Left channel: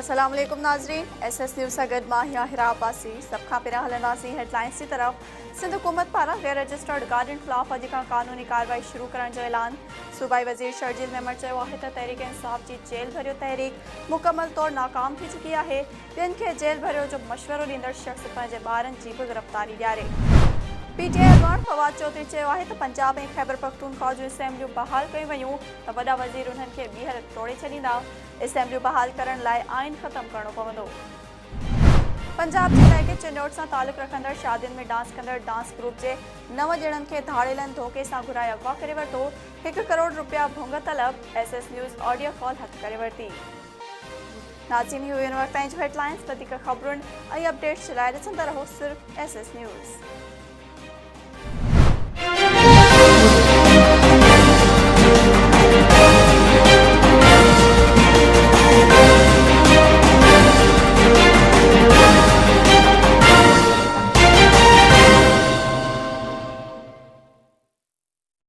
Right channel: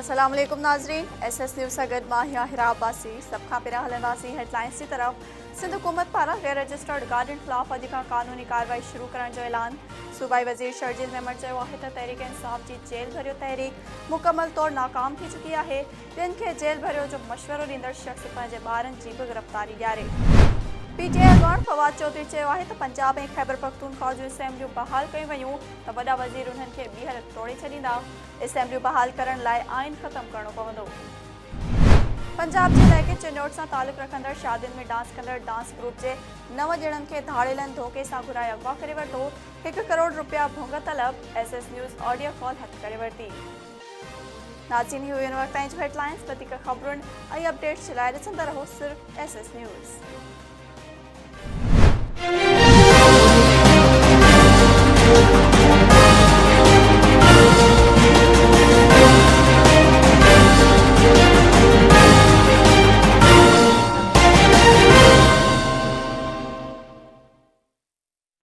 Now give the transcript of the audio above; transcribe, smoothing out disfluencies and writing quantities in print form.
अस्सलाम वालेकुम नाज़रीन, SS न्यूज़ सां गॾु मां हिरा अब्बासी। सब खां पहिरियां हलंदासीं हेडलाइंस की तरफ़। सिंध हुकूमत पारां गैर रजिस्टर्ड गाॾियुनि ख़िलाफ़ अॼु खां कानूनी कार्रवाई शुरू करण जो ऐलान। सूबाई वज़ीर शर्जील मेमण चयो आहे त तहरीक इंसाफ़ जी जेल भरियो तहरीक मुकमल तौर नाकाम थी चुकी आहे। ॿियनि खे जेल भरियो जो मशवरो ॾींदड़ शख़्स पंहिंजे ॿारनि जी बि गिरफ़्तारी ॾियारे। PTI अॻवान फवाद चौधरी चयो आहे त पंजाब ऐं खैबर पख्तूनख्वा जूं असेंबलियूं बहाल कयूं वयूं त वॾा वज़ीर उन्हनि खे ॿीहर तोड़े छॾींदा। असेंबलियूं बहाल करण लाइ आइन ख़तमु करणो पवंदो। पंजाब जे इलाइक़े चिन्नौट सां तालुक़ रखंदड़ शादियुनि में डांस कंदड़ डांस ग्रुप जे 9 ॼणनि खे धाड़ेलनि धोखे सां घुराए अगवा करे वरितो। 1 करोड़ रुपया भुंग तलब। SS न्यूज़ ऑडियो कॉल हथ करे वरिती। नाज़रीन, ही हुयूं वक़्त ताईं जो हेडलाइंस। वधीक ख़बरुनि ऐं अपडेट्स जे लाइ ॾिसंदा रहो सिर्फ़ SS न्यूज़।